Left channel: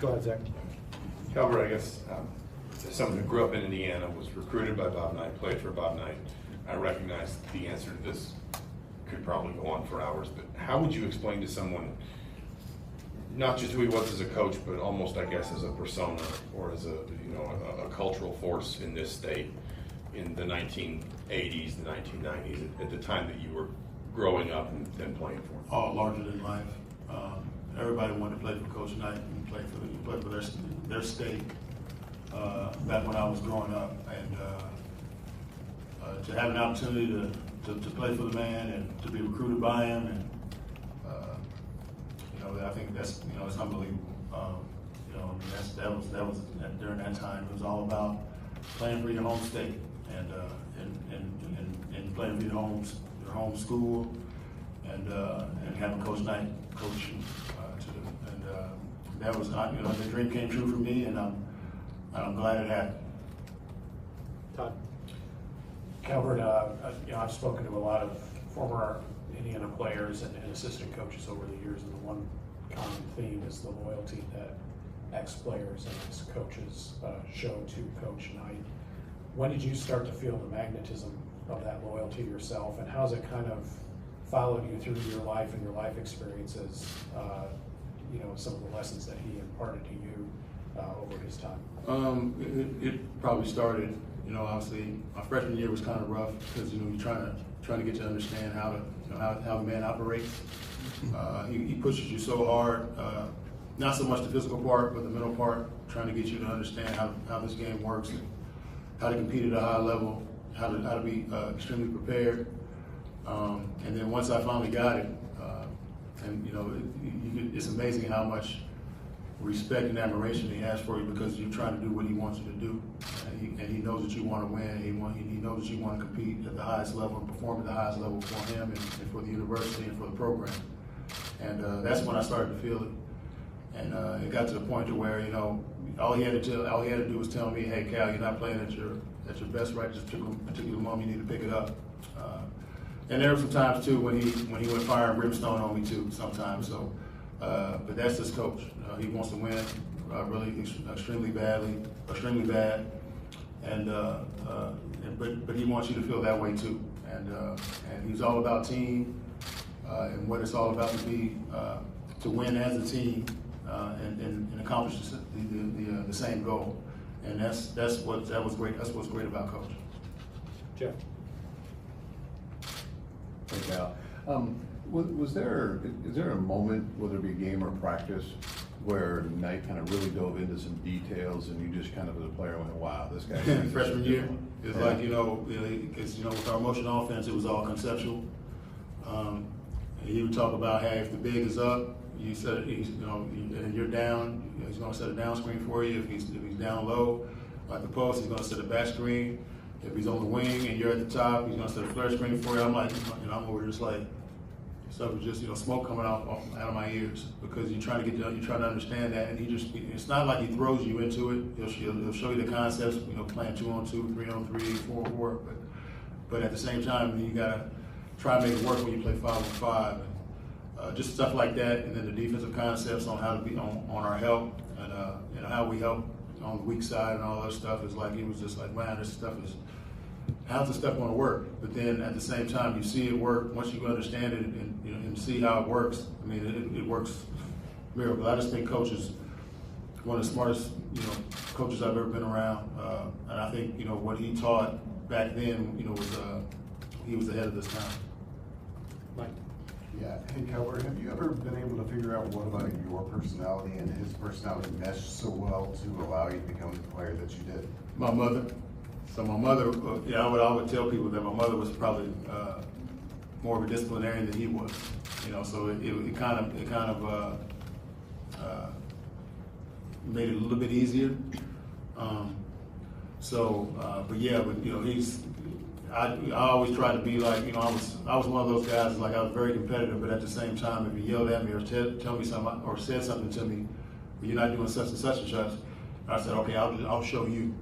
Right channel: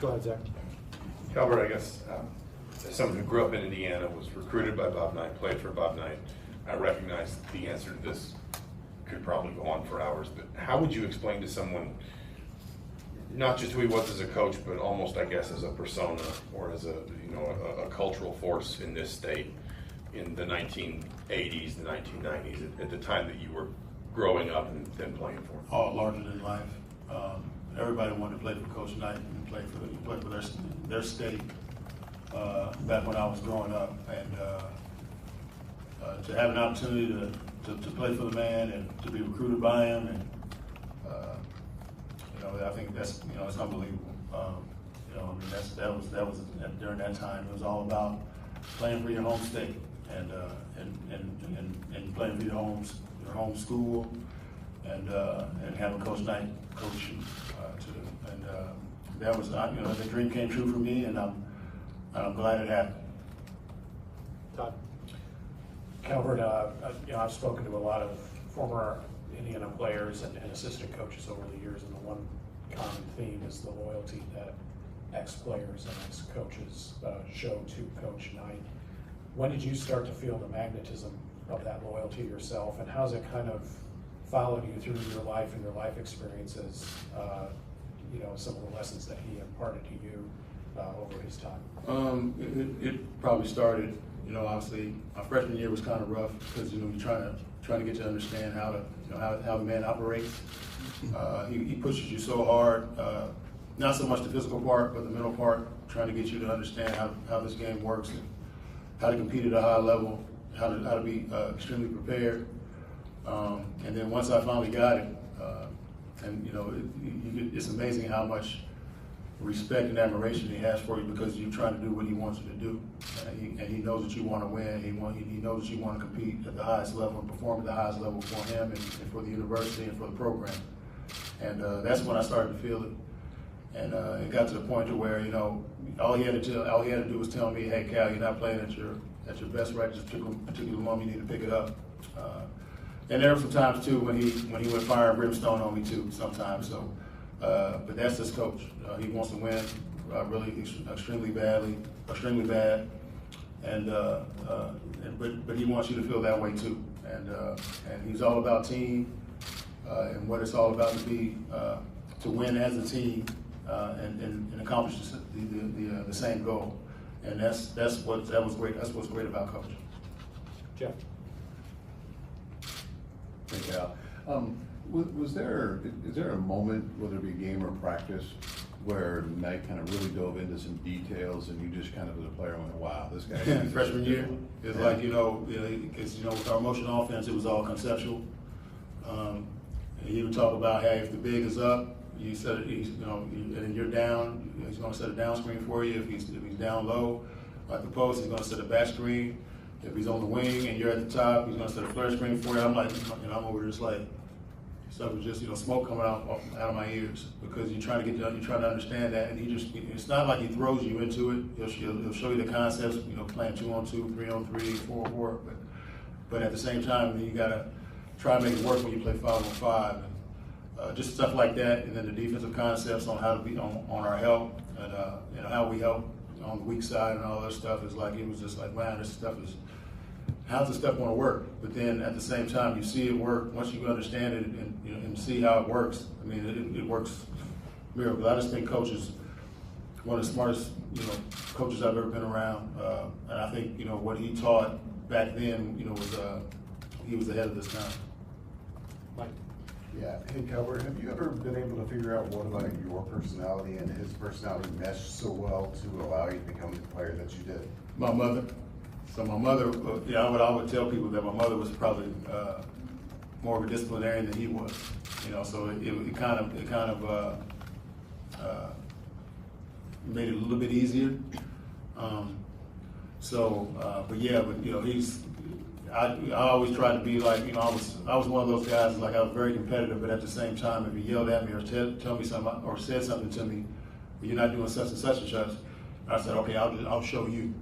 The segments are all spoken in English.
Go ahead, Zach. Calbert, I guess, as someone who grew up in Indiana, was recruited by Bob Knight, played for Bob Knight, I recognize the answer to this could probably go on for hours, but how would you explain to someone, not just who he was as a coach, but almost, I guess, as a persona or as a cultural force in this state in the 1980s, the 1990s, at the time that you were growing up and playing for? All larger than life. Everybody wanted to play for Coach Knight and play for their state back when I was growing up, and to have an opportunity to play for the man and to be recruited by him, and I think that's it's unbelievable. That was during that time. It was all about playing for your home state and playing for your home school, and having Coach Knight coach you too. And that was the dream came true for me, and I'm glad it happened. Todd. Calbert, I've spoken to a lot of former Indiana players and assistant coaches over the years, and the one common theme is the loyalty that ex-players and ex-coaches show to Coach Knight. When did you start to feel the magnetism of that loyalty yourself, and how's it kind of followed you through your life and your life experiences, some of the lessons that he imparted to you over his time? It probably started, obviously, my freshman year was kind of rough because, you're trying to get to understand how the man operates. He pushes you so hard, not so much the physical part, but the mental part, trying to get you to understand how this game works, and how to compete at a high level, how to be extremely prepared. And then once I finally got it, it's amazing how much respect and admiration he has for you because you're trying to do what he wants you to do. And he knows that you want to win. He knows that you want to compete at the highest level and perform at the highest level for him and for the university and for the program. And that's when I started to feel it. And it got to the point to where, all he had to do was tell me, hey, Cal, you're not playing at your best right at this particular moment. You need to pick it up. And there were some times too when he went fire and brimstone on me too sometimes. So, but that's his coach. He wants to win really extremely bad, and but he wants you to feel that way too. And he's all about team and what it's all about to win as a team and accomplish the same goal. And that was great. That's what's great about coaching. Jeff. Hey, Cal. Is there a moment, whether it be game or practice, where Knight kind of really dove into some details and you just kind of as a player went, wow, this guy. Freshman year, it's like, because, with our motion offense, it was all conceptual. He would talk about, hey, if the big is up, you set it, and you're down, he's going to set a down screen for you. If he's down low, at the post, he's going to set a back screen. If he's on the wing and you're at the top, he's going to set a flare screen for you. I'm like, and I'm over just like, stuff is just, smoke coming out of my ears because you're trying to understand that, and it's not like he throws you into it. He'll show you the concepts, playing 2-on-2, 3-on-3, 4-on-4, but at the same time, you gotta try and make it work when you play 5-on-5. Just stuff like that, and then the defensive concepts on how to be on our help and how we help on the weak side and all that stuff is like, it was just like, man, how's this stuff going to work? But then at the same time, you see it work. Once you understand it and see how it works, I mean, it works miracles. I just think Coach is one of the smartest, coaches I've ever been around. And I think, what he taught back then, he was ahead of this time. Mike. Yeah. Hey, Calbert, have you ever been able to figure out what about your personality and his personality meshed so well to allow you to become the player that you did? My mother. So my mother, I would tell people that my mother was probably more of a disciplinarian than he was. So it kind of made it a little bit easier. I always tried to be like, I was one of those guys, like I was very competitive, but at the same time, if you yelled at me or tell me something or said something to me, you're not doing such and such and such, I said, okay, I'll show you.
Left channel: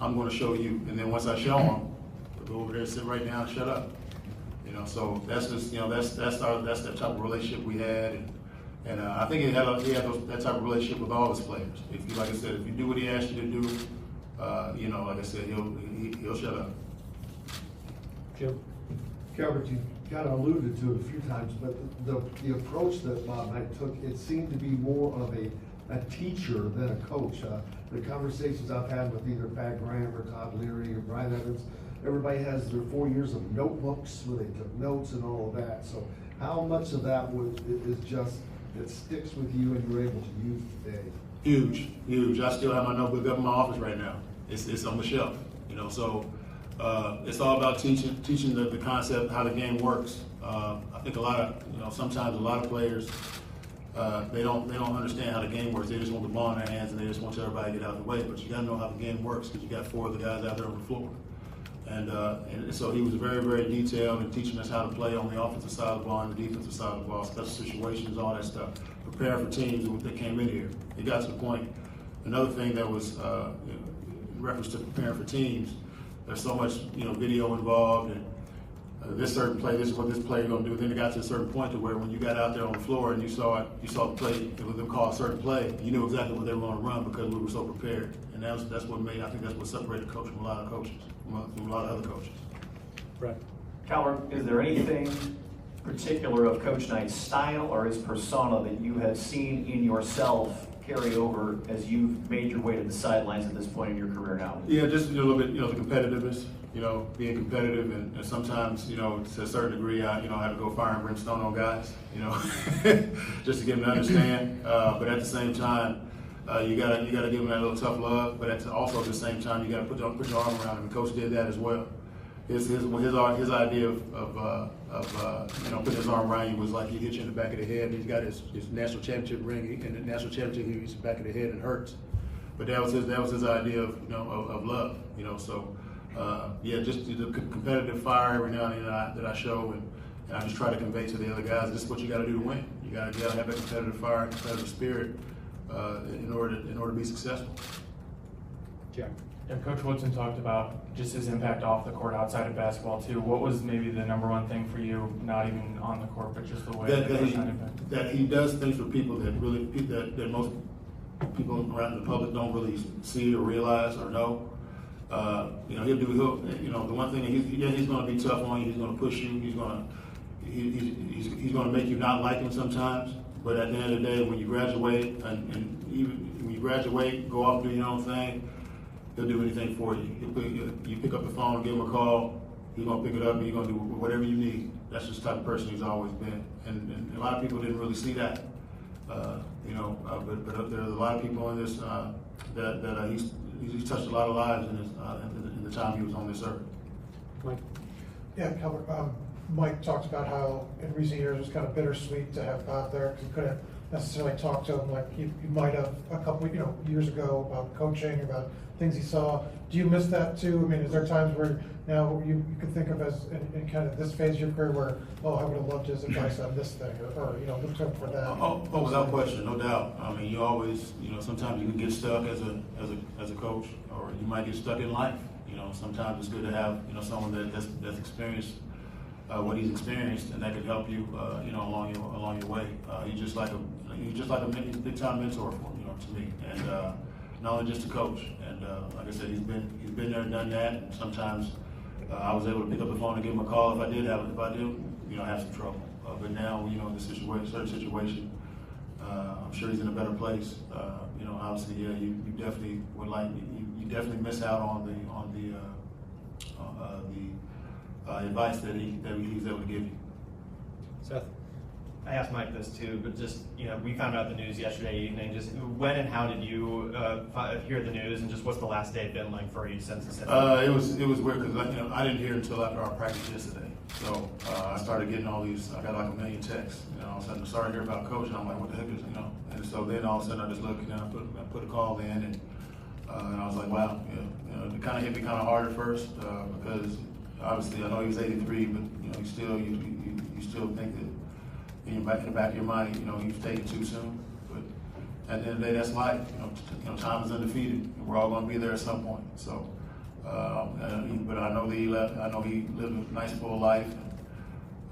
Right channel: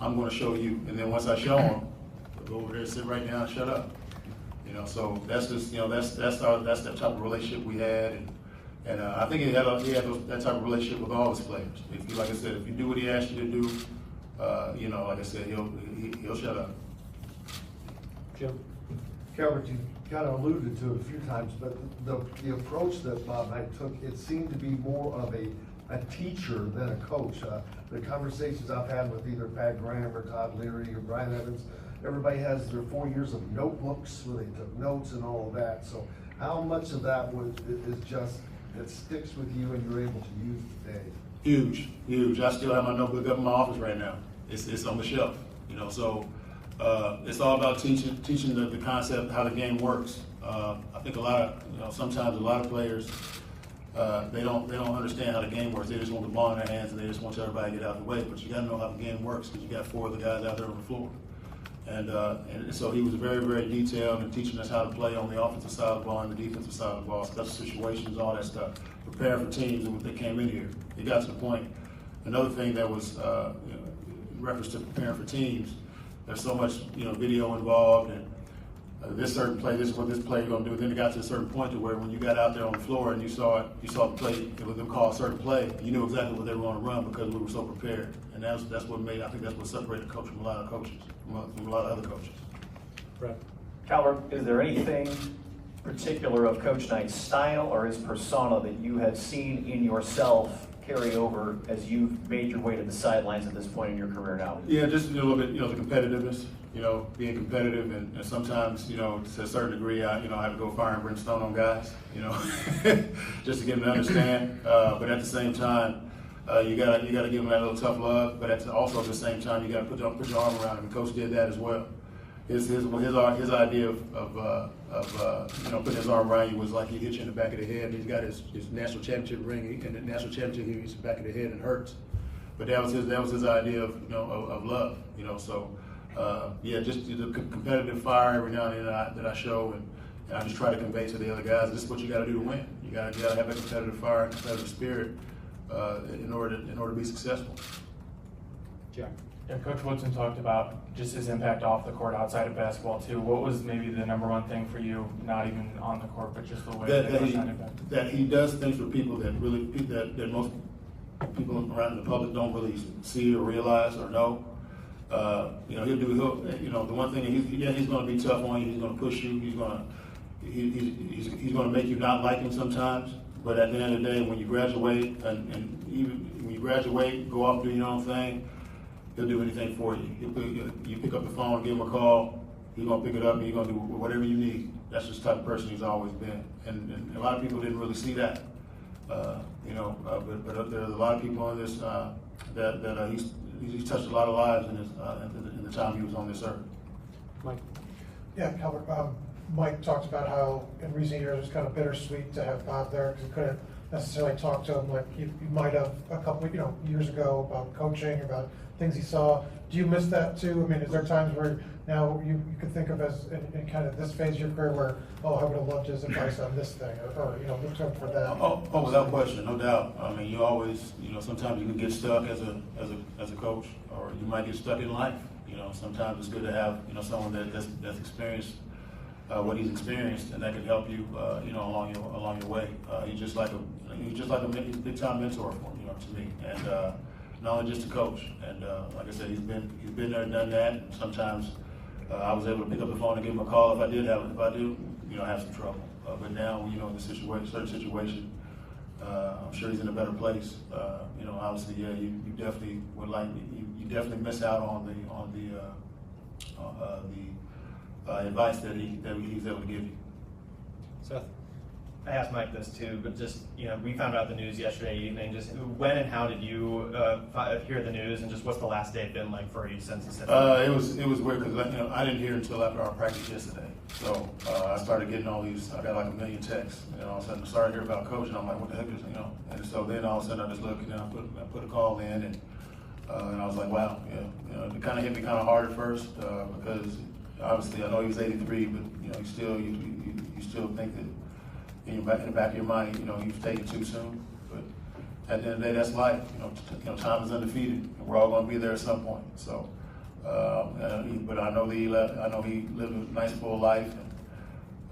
I'm going to show you. And then once I show them, they'll go over there, sit right down and shut up. So that's just, that's the type of relationship we had. And I think he had that type of relationship with all his players. If you, like I said, if you do what he asked you to do, like I said, he'll shut up. Jim? Calbert, you kind of alluded to it a few times, but the approach that Bob Knight took, it seemed to be more of a teacher than a coach. The conversations I've had with either Pat Graham or Todd Leary or Brian Evans, everybody has their 4 years of notebooks where they took notes and all of that. So how much of that is just that sticks with you and you're able to use today? Huge, huge. I still have my notebook up in my office right now. It's on the shelf, So it's all about teaching the concept, how the game works. I think sometimes a lot of players, they don't understand how the game works. They just want the ball in their hands and they just want everybody to get out of the way. But you got to know how the game works because you got 4 of the guys out there on the floor. And so he was very, very detailed in teaching us how to play on the offensive side of the ball and the defensive side of the ball, special situations, all that stuff. Preparing for teams that came in here. It got to the point. Another thing that was in reference to preparing for teams. There's so much video involved and this certain play, this is what this player going to do. Then it got to a certain point to where when you got out there on the floor and you saw the play, it was them call a certain play. You knew exactly what they were going to run because we were so prepared. And that's what separated the coach from a lot of coaches, from a lot of other coaches. Right. Calbert, is there anything particular of Coach Knight's style or his persona that you have seen in yourself carry over as you've made your way to the sidelines at this point in your career now? Yeah, just a little bit, the competitiveness. Being competitive, and sometimes, to a certain degree, I have to go fire and brimstone on guys, just to get them to understand. But at the same time, you gotta give them that little tough love. But also at the same time, you gotta put your arm around them. And Coach did that as well. His idea of putting his arm around you was like he hit you in the back of the head. And he's got his national championship ring, and the national championship he hits the back of the head and hurts. But that was his idea of love. So. Just the competitive fire every now and then that I show, and I just try to convey to the other guys, this is what you got to do to win. You got to have that competitive fire, competitive spirit in order to be successful. Jack? And Coach Woodson talked about just his impact off the court outside of basketball too. What was maybe the number one thing for you, not even on the court, but just the way that he does things for people that most people around the public don't really see or realize or know. The one thing he's going to be tough on you. He's going to push you. He's going to make you not like him sometimes. But at the end of the day, when you graduate and even when you graduate, go off and do your own thing, he'll do anything for you. You pick up the phone, give him a call. He's going to pick it up and he's going to do whatever you need. That's just the type of person he's always been. And a lot of people didn't really see that. But there's a lot of people on this that he's touched a lot of lives in the time he was on this earth. Mike? Yeah, Calbert, Mike talked about how in recent years it was kind of bittersweet to have Bob there because he couldn't necessarily talk to him like you might have a couple years ago about coaching, about things he saw. Do you miss that too? I mean, is there times where now you can think of as in kind of this phase of your career where, I would have loved his advice on this thing or look to him for that? Oh, without question, no doubt. I mean, you always, sometimes you can get stuck as a coach, or you might get stuck in life. Sometimes it's good to have, someone that's experienced what he's experienced, and that can help you, along your way. He's just like a big time mentor for him, to me, and not only just a coach. And like I said, he's been there and done that. And sometimes I was able to pick up the phone and give him a call if I did have some trouble. But now, in this certain situation, I'm sure he's in a better place. Obviously, yeah, you definitely would you definitely miss out on the advice that he's able to give you. Seth? I asked Mike this too, but just, we found out the news yesterday evening. Just when and how did you hear the news, and just what's the last day been like for you since it's It was weird because I didn't hear until after our practice yesterday. So I started getting all these. I got like a million texts. All of a sudden I started to hear about coach, and I'm like, what the heck is And so then all of a sudden I just looked, I put a call in, and I was like, wow, it kind of hit me kind of hard at first because obviously I know he was 83, but you still think that. In the back of your mind, you've taken too soon. But at the end of the day, that's life. Time is undefeated. We're all going to be there at some point. So, but I know he lived a nice full life,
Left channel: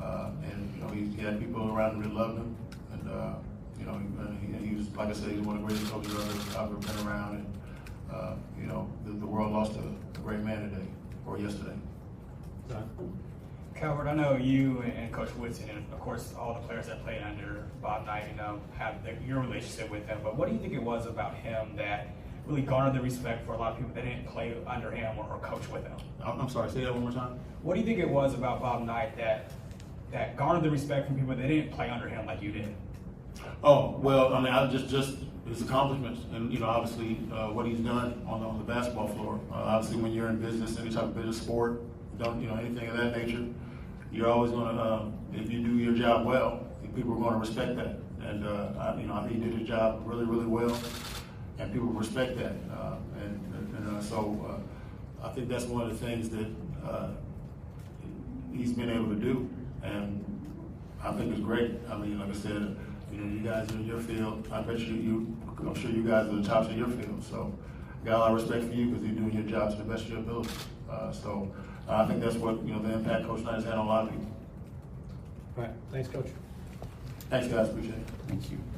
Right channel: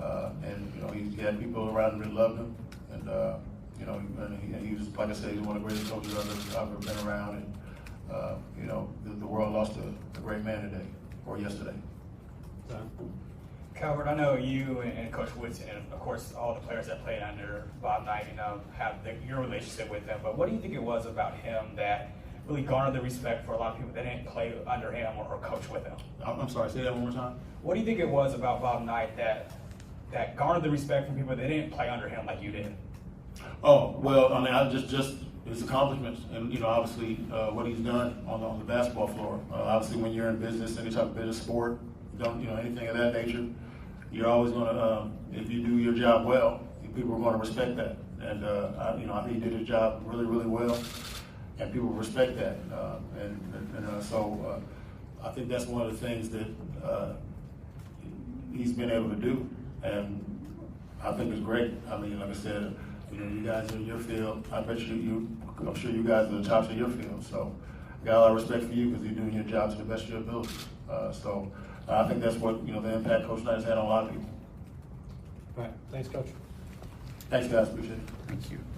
and he had people around him that loved him, and You know, and he was, like I said, he's one of the greatest coaches I've ever been around, and, you know, the world lost a great man today, or yesterday. John? Calbert, I know you and Coach Woodson, and of course all the players that played under Bob Knight, you know, have your relationship with him. But what do you think it was about him that really garnered the respect for a lot of people that didn't play under him or coach with him? I'm sorry, say that one more time. What do you think it was about Bob Knight that garnered the respect from people that didn't play under him like you did? Oh, well, I mean, I just his accomplishments, and, you know, obviously what he's done on the basketball floor. Obviously, when you're in business, any type of business sport, you know, anything of that nature, you're always going to, if you do your job well, people are going to respect that. And, you know, I think he did his job really, really well, and people respect that. So I think that's one of the things that he's been able to do, and I think it's great. I mean, like I said, you know, you guys are in your field. I bet I'm sure you guys are the tops of your field. So got a lot of respect for you because you're doing your job to the best of your ability. So I think that's what, you know, the impact Coach Knight has had on a lot of people. Right, thanks, Coach. Thanks, guys. Appreciate it. Thank you.